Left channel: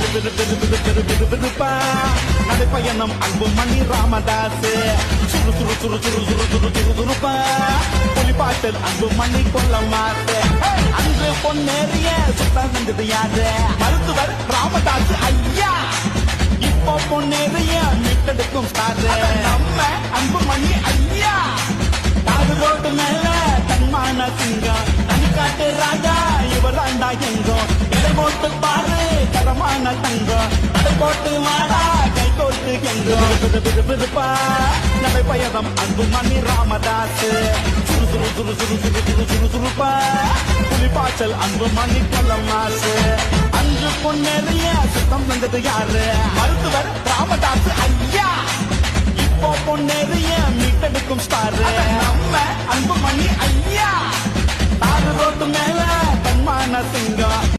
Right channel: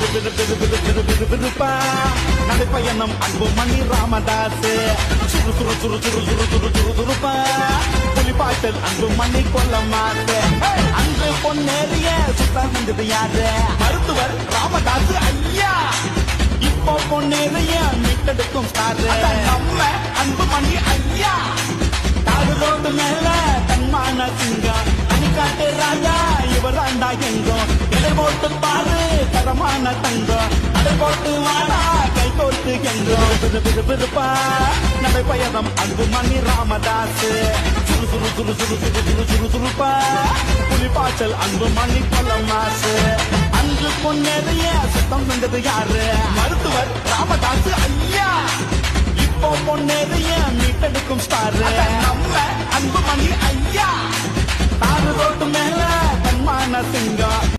விறுவிறுப்பா நடைப்பயணம் அன்புமணி ராமதாஸ் சுறு சுறு சுறு சுறு சுறு சுறு சுறு சுறுப்பா புலிப்பாட்டல் அன்புமணி கொல்லமாஸ் அன்று பொன்னேறிய சுத்தம் செஞ்சது யாரு மருத்துவர் ராமதாஸ் ஐயா இப்போ பொன்னேறிய மீட்டெடுக்கும் ஸ்டார் நம்ம அன்புமணி ஐயா தாரு ரோட்டு மேல தன்மான சிங்கம் அணிக்காட்டு ராஜா இவர் ஆண்டா எங்கும் எடை போட்டு பாரு தரமான தங்கம் நடை போட்டு வாடா கை கோர்த்து எங்கும் விருப்பா நடைப்பயணம் அன்புமணி ராமதாஸ் சுறு சுறு சுறு சுறு சுறு சுறு சுறு சுறுப்பா புலிப்பாச்சல் அன்புமணி கொல்லமாஸ் அன்று பொன்னேறிய சுத்தம் செஞ்சது யாரு மருத்துவர் ராமதாஸ் ஐயா இப்போ பொன்னேறிய மீட்டெடுக்கும் ஸ்டார் நம்ம அன்புமணி ஐயா தாரு ரோட்டு மேல தன்மான சிங்கம்